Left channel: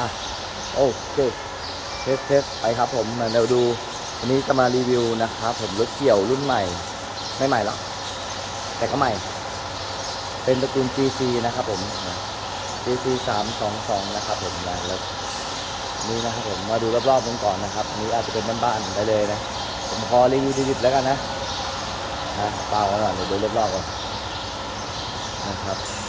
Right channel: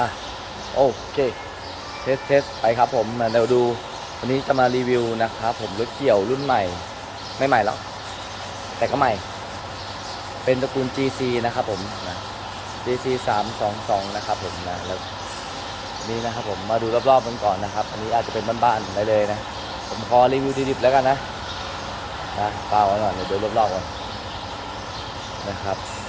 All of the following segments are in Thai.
อะโอเคเทสเทสไปครับผมมาเดี๋ยวดูวันนี้จะมารีวิวนะครับผมรถเกี่ยวรุ่นใหม่ ไม่ใหม่หรอกแต่ก็ใหม่ เป็นตระกูล GC นะครับผมนะ GC 322 นะครับผมนะแล้วนี่นะครับผมมาดูรอบๆกันก่อนนะครับ อันนี้อาจจะเป็นบ้านๆได้เลยนะ ผมขอรีวิวดิบๆแล้วกันนะนะเปล่าไว้ก่อนเดี๋ยวดูรอบๆก่อนนะครับ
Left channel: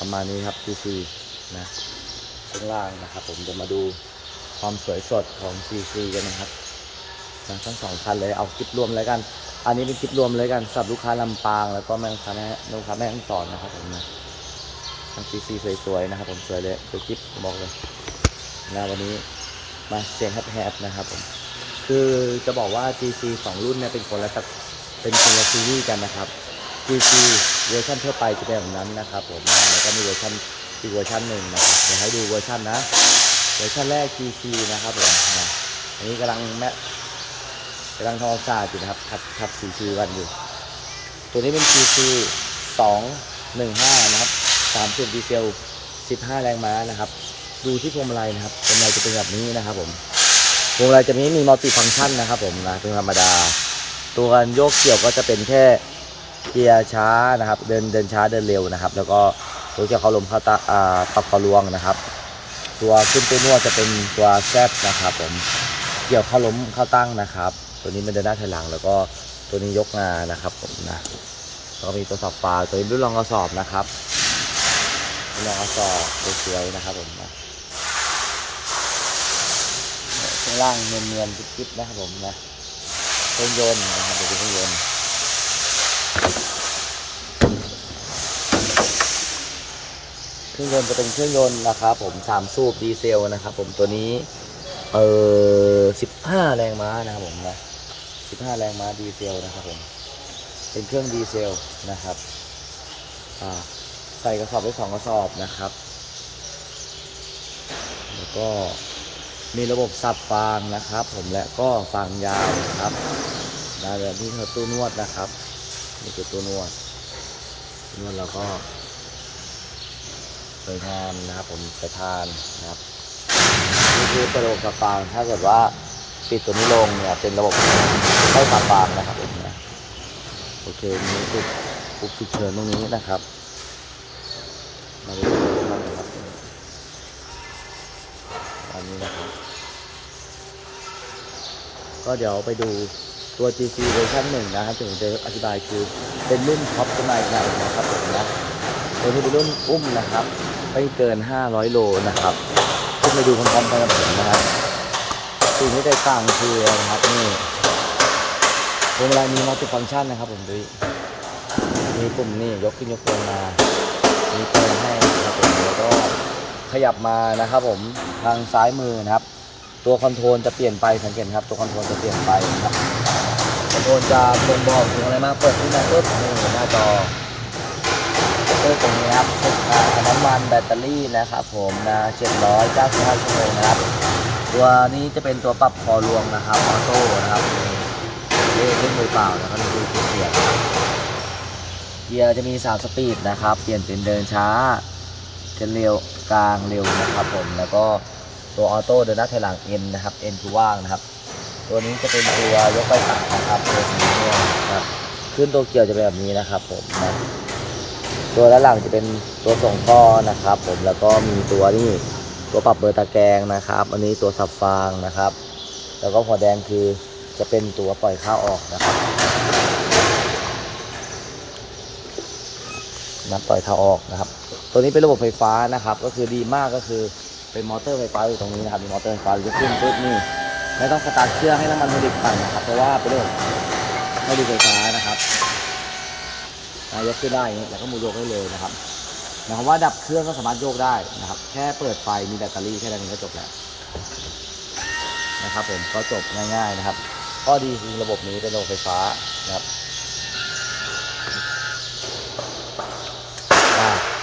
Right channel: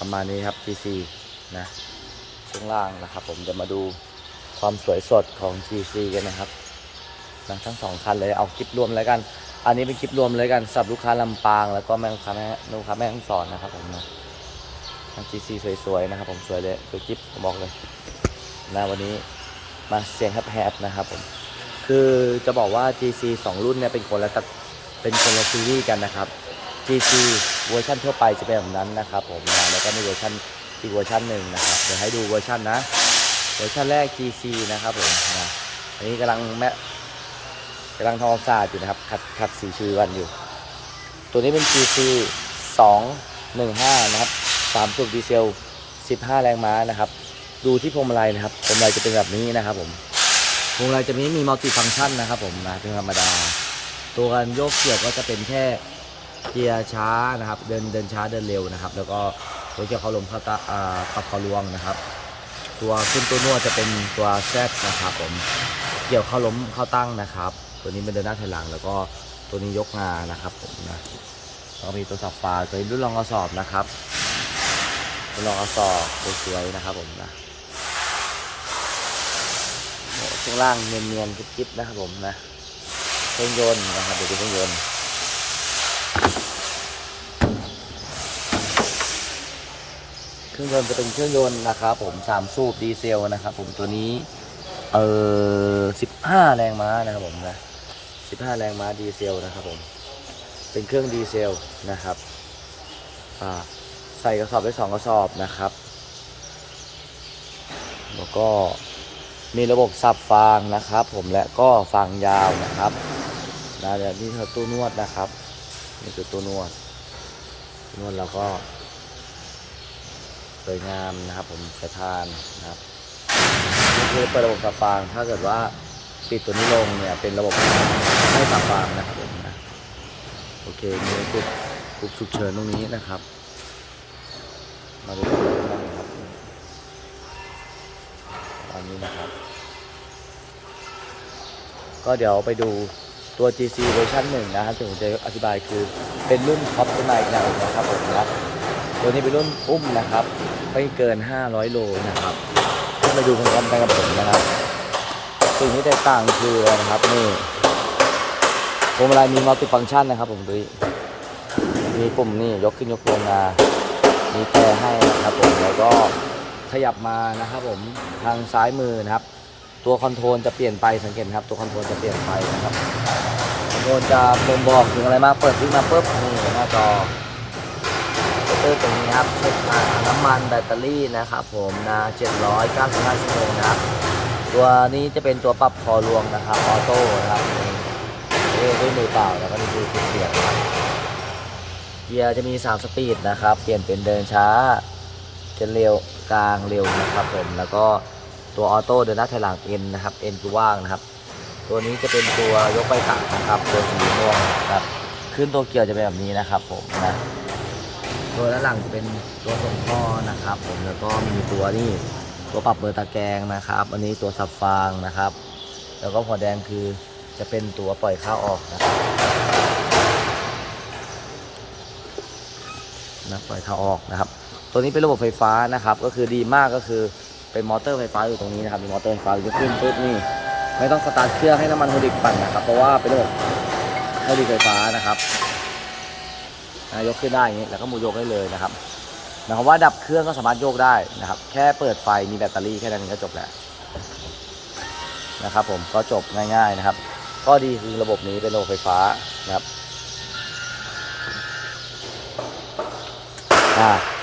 ประมาณนี้ครับ GC นะช่วงล่างนะครับ ผมจะมาดูความสวยสดของ GC กันนะครับนะทั้งสองคันเลยเอาคลิปรวมแล้วกัน อันนี้เป็นคลิปรวมเลยกันสับลูกค้าลำปาง แล้วก็แม่ลูกค้าแม่ลูกค้าแม่ต้องสอนนะครับ ผมนะทั้ง GC สวยๆนะครับ ผมสวยเลยสวยคลิปผมบอกเลยนะวันนี้มาเสียงแฮบๆนะครับผมคือจะบอกว่า GC สองรุ่นเนี่ยเป็นคนละตระเป็นคนละซีรีส์กันนะครับ GC เวอร์ชันทั่วไปจะเป็นแบบนั้นนะครับผมนะแล้วก็มีเวอร์ชันอีกเวอร์ชันหนึ่งนะครับเดี๋ยวให้ดูเวอร์ชันนะ เวอร์ชันแรก GC นะครับผมนะอันนี้กำลังแม่กำลังทำความสะอาดอยู่นะครับทับทับสีชีวันอยู่ ตัวนี้เป็น GC 215 นะครับ3สูบดีเซล 15 แรงม้านะครับ ดูที่พวงมาลัยนะครับพวงมาลัยจะเป็นแบบนี้นะครับผมพวงมาลัยจะไม่มีมัลติฟังก์ชันนะครับผมนะเป็นธรรมดา ตัวการโยกเกี่ยวก็จะเป็นแค่ เกียร์ช้านะครับ เดินเดินช้าเดินเร็วนะครับ แล้วก็ตัวเกียร์เขาลมเข้าตาอ่าปรับเขาลวงนะครับ ตัวขึ้นตัวนวดจะเป็นตัวแซดนะครับ ผมเกี่ยวเข้าล้มเข้าตั้งนะครับ ตัวนี้เป็นเดินหน้าถอยหลัง แล้วก็ตัวนี้ยกงานะครับ ผมนะแล้วก็มีตัวสับปลาตัวนี้รุ่นรองกระสอบนะครับรุ่นรองกระสอบสวยๆนะครับ ผมนะข้างล่างเนียนๆกิ๊บๆนะครับ ผมนะเครื่องยนต์นะครับเดี๋ยวดูเครื่องยนต์ เครื่องยนต์จะเป็นเครื่องยนต์นะครับผมสามสูบดีเซลนะครับผมตัวนี้เออสิบห้าแรงม้านะครับผมนะสิบห้าแรงม้าดีเซลนะครับผมเป็นเครื่องดีเซลนะครับอ่าใส่กระสอบได้สองกระสอบนะครับ แล้วก็มีระบบสับฟางนะครับ ผมและก็ฟางยาวนะครับนะแบบนี้คือตู้นวดนะครับนี่คือตู้นวดนวดแล้วก็ วยงามนะครับ ผมสายพานนะครับนี่คือเปิดระบบสับฟางถ้าเกิดว่าปิดตัวนี้ลงเนี่ยเป็นระบบให้สับฟางนะครับผมนะโอเคมีปุ๊บปุ๊บฉุกเฉินตรงนี้นะครับ มาดูกันบ้างนะครับอันนี้นะครับ ก็เดี๋ยวไปดูตัว GC เวอร์ชันหนึ่งนะครับที่ผมจะอธิบายคือเป็นรุ่นท็อปขึ้นมาอีกหน่อยนะครับผมนะ ตัวนี้เป็นรุ่นอุ้มนะครับ ไม่เกิน 500 โลนะครับขึ้นไปดูพร้อมๆกันกับผมนะครับสิ่งที่แตกต่างคือนะครับนี่พวงมาลัยมีมัลติฟังก์ชันนะครับผมดูมีปุ่มนี่ยกขึ้นยกลงมามีแต่ให้นะครับผมแล้วก็ขยับมานะครับผมทางซ้ายมือนะครับ ตัวคอนโทรลจะเปลี่ยนไปสังเกตครับ ตัวคอนโทรลจะเปลี่ยนไปนะครับคอนโทรลจะบ่งบอกถึงอะไรมากเปิดขึ้นมาปุ๊บนี่หน้าจอ เตอร์ตรงนี้ครับเช็คการน้ำมันแบตเตอรี่นะครับผมนะ795ชั่วโมงนะครับ ตัวนี้จะเป็นตัวปรับคอรวงนะครับออโต้นะครับนี่ด้วยมือเปล่าแล้วก็นี่คือเสียงนะครับเกียร์จะมี 3 สปีดนะครับ เปลี่ยนเป็นเดินช้าจะเร็วกลางเร็วนะครับผมแล้วก็ตัวออโต้เดินหน้าถอยหลัง N นนะครับ N คือว่างนะครับ ตัวนี้จะเป็นตัวยกไปตักนะครับ ตัวสีม่วงนะครับขึ้นตัวเกียร์จะเป็นแบบนี้นะครับผมนะ ตัวด้านหลังจะเป็นตัวส่งท่อนะครับ ผมแล้วก็มีตัวนี่ตัวปรับเบอร์ตะแกรงนะครับ อันนี้ตัวสับฟางนะครับ แล้วก็หัวแดงคือจะเป็นตัวปล่อยข้าวออกนะครับนะปล่อยข้าวออกนะครับ ตัวนี้เป็นระบบไฟฟ้านะครับ ก็คือดีมากก็คือเป็นมอเตอร์ไฟฟ้าอยู่ตรงนี้นะครับมีมอเตอร์ไฟฟ้าจะขึ้นปุ๊บนี่ไม่ต้องสตาร์ทเครื่องให้น้ำมันไฮดริกปั่นนะครับ เพราะว่าเป็นระบบไฮดริกไฟฟ้านะครับ นะยกขึ้นได้อย่างนี้แล้วก็มูโยกได้เลยนะครับหมายความว่าดับเครื่องก็สามารถโยกได้นะครับ แค่เปิดไฟมีแบตเตอรี่แค่นั้นก็จบแล้วนะครับ ผมก็จบง่ายๆนะครับ ก็ดีคือระบบนี้เป็นระบบไฟฟ้านะครับ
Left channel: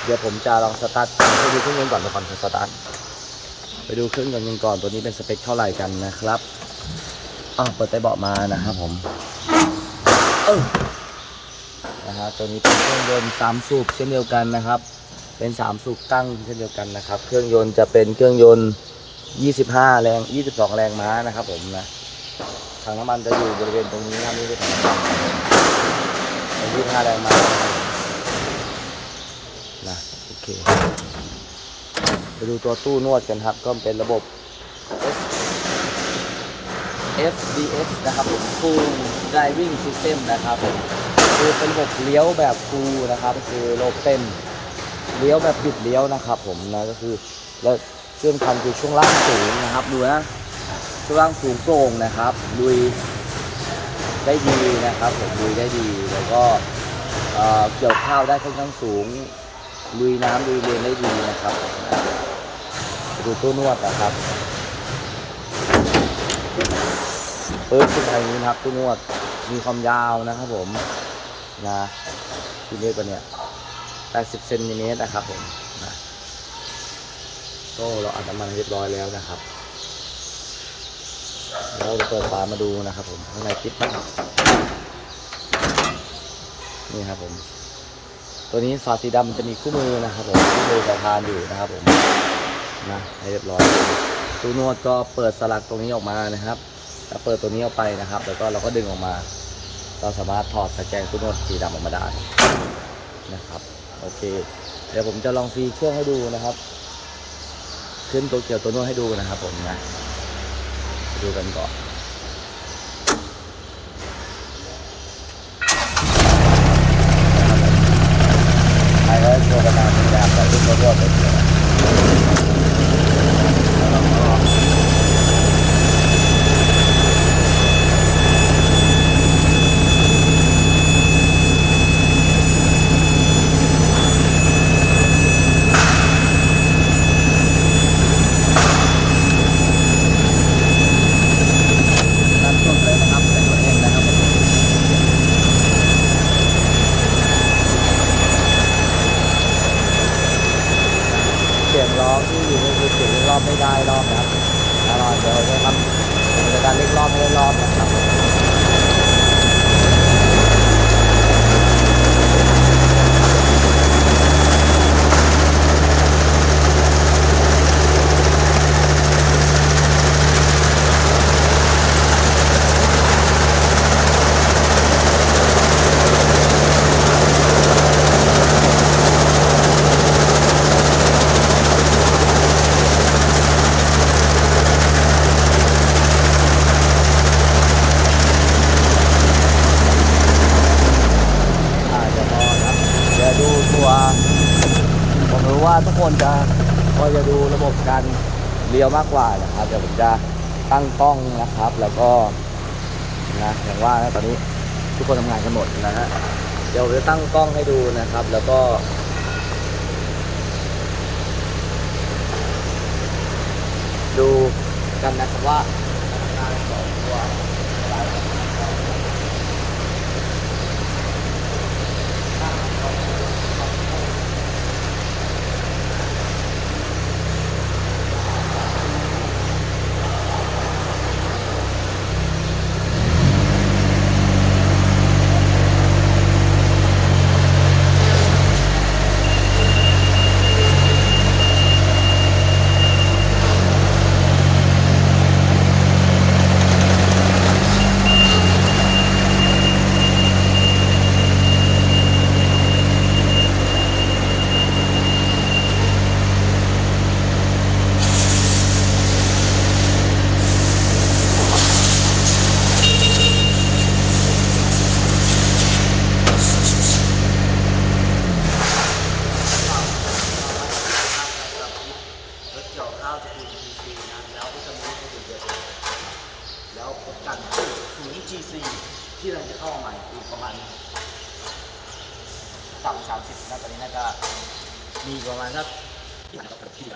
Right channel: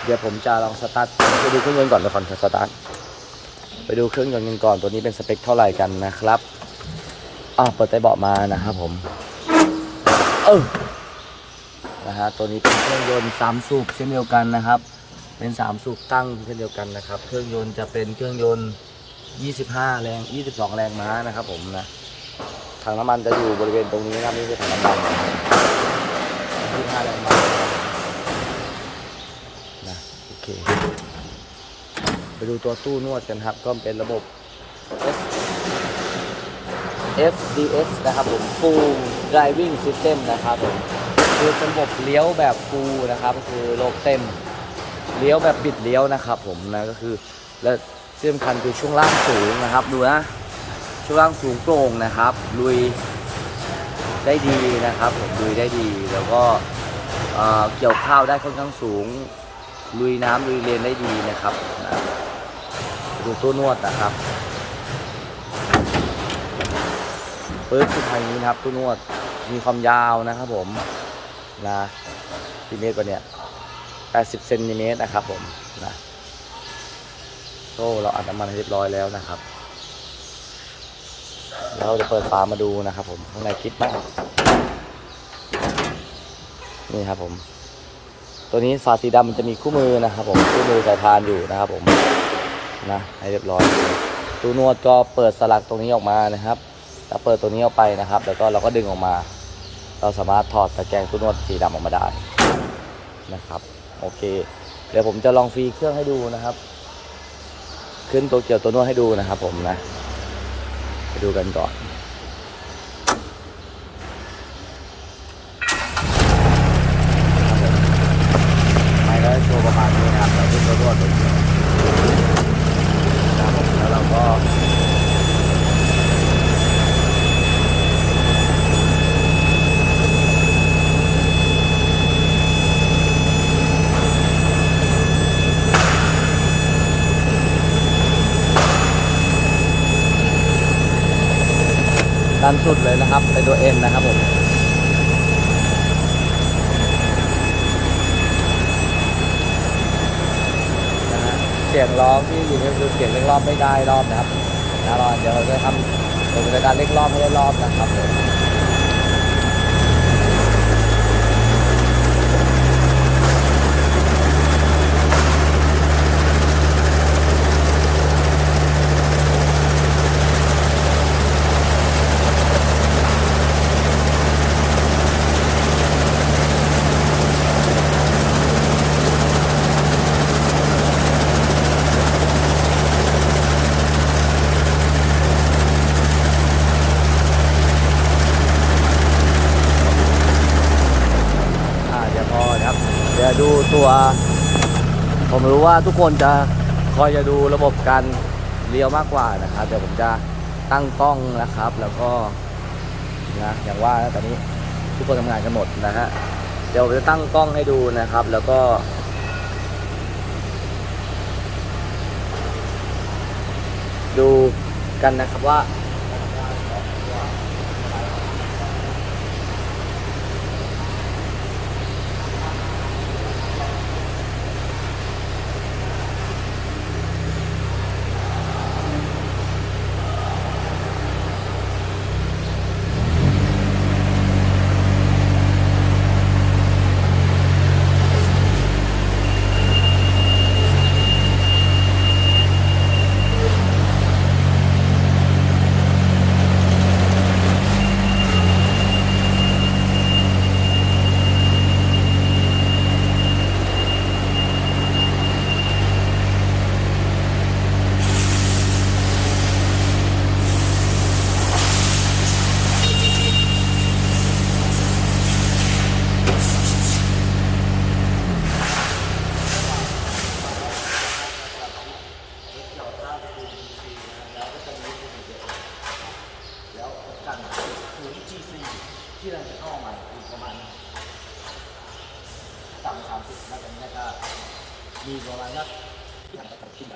เดี๋ยวผมจะลองสตาร์ทไปดูเครื่องยนต์ก่อนเดี๋ยวก่อนสตาร์ทไปดูเครื่องยนต์กันก่อนตัวนี้เป็นสเปคเท่าไหร่กันนะครับอ้าวเปิดใต้เบาะมานะครับผม เออ นะฮะตัวนี้เป็นเครื่องยนต์สามสูบเช่นเดียวกันนะครับ เป็นสามสูบตั้งเช่นเดียวกันนะครับ เครื่องยนต์จะเป็นเครื่องยนต์ 25 แรง 22 แรงม้านะครับผมนะถังน้ำมันจะอยู่บริเวณตรงนี้นะนี่คือถังน้ำมัน25 แรงม้านะครับผมนะโอเคไปดูตัวตู้นวดกันครับ ก็เป็นระบบ S SDS นะครับผม Full Driving System นะครับผม คือเป็นระบบเลี้ยวแบบ Full นะครับ คือระบบเต็มเลี้ยวแบบบิดเลี้ยวนะครับ ผมนะก็คือและเสื่อมคันคือช่วงล่างสูงนะครับ ดูนะช่วงล่างสูงโปร่งนะครับ ลุยได้ดีนะครับ ผมลุยได้ดีแล้วก็เเกี่ยวข้าวได้ค่อนข้างสูง ลุยน้ำลุยเลนได้ดีนะครับนะดูตัวนวดนะครับปึ๊บขึ้นไปอย่างนี้นะครับตัวนวดมีความยาวนะครับผม นะกี่เมตรวะเนี่ย80เซนติเมตรนะครับผมนะโซ่เราอัดน้ำมันเรียบร้อยแล้วนะครับ เราจะเปิดฝามาดูนะครับผมข้างในคิดมากนี่ครับผม ตัวนี้ฝาสีดำมันจะมีคู่มือนะครับผมคู่มือสายพานอยู่นะครับผมนะให้เรียบร้อยตู้นวดก็เปิดสลักตรงนี้ออกมานะครับแล้วเปิดตัวนี้ออกไปนะครับ แล้วก็เราก็ดึงออกมา เราสามารถถอดตะแกรงตู้นวดสีดำออกมาได้นะครับ โอเค เดี๋ยวผมจะลองฟรีเครื่องให้ดูนะครับ ขึ้นตัวเกี่ยวตัวนวดให้ดูนะครับ ผมนะดูกันก่อนนะครับผมไปก็ตัวประมาณนี้นะครับเราขึ้นตัวนวดตัวเกี่ยวแล้วเราก็ ดันสุดเลยนะครับเป็นตัวเองนะครับผมเสียงร้องที่อยู่ก็คือเสียงเร่งรอบไม่ได้รอบนะครับนะรอเดี๋ยวจะทำผมจะการเร่งรอบให้ได้รอบนะครับผมอ่าเดี๋ยวพอนะครับเดี๋ยวดูตัว ผมรู้ ว่าทุกคนจะคอยจะดูระบบการเลี้ยวมากกว่านะครับ เดี๋ยวผมจะตั้งกล้องนะครับ แล้วก็นะอย่างว่านะตอนนี้ทุกคนทำงานกันหมดนะฮะเดี๋ยวผมจะตั้งกล้องให้ดูนะครับ แล้วก็ดูกันนะครับว่าการทำงานของตัว รถเกี่ยวข้าวจะคือ GC นะแล้วก็จะมีตัวเดียวแล้ว กันศูนย์ GC ที่เราจะเข้ามาอีกประมาณสามสามสิบน่าจะน่าจะมีประมาณสักที่ไหนครับที่ไหน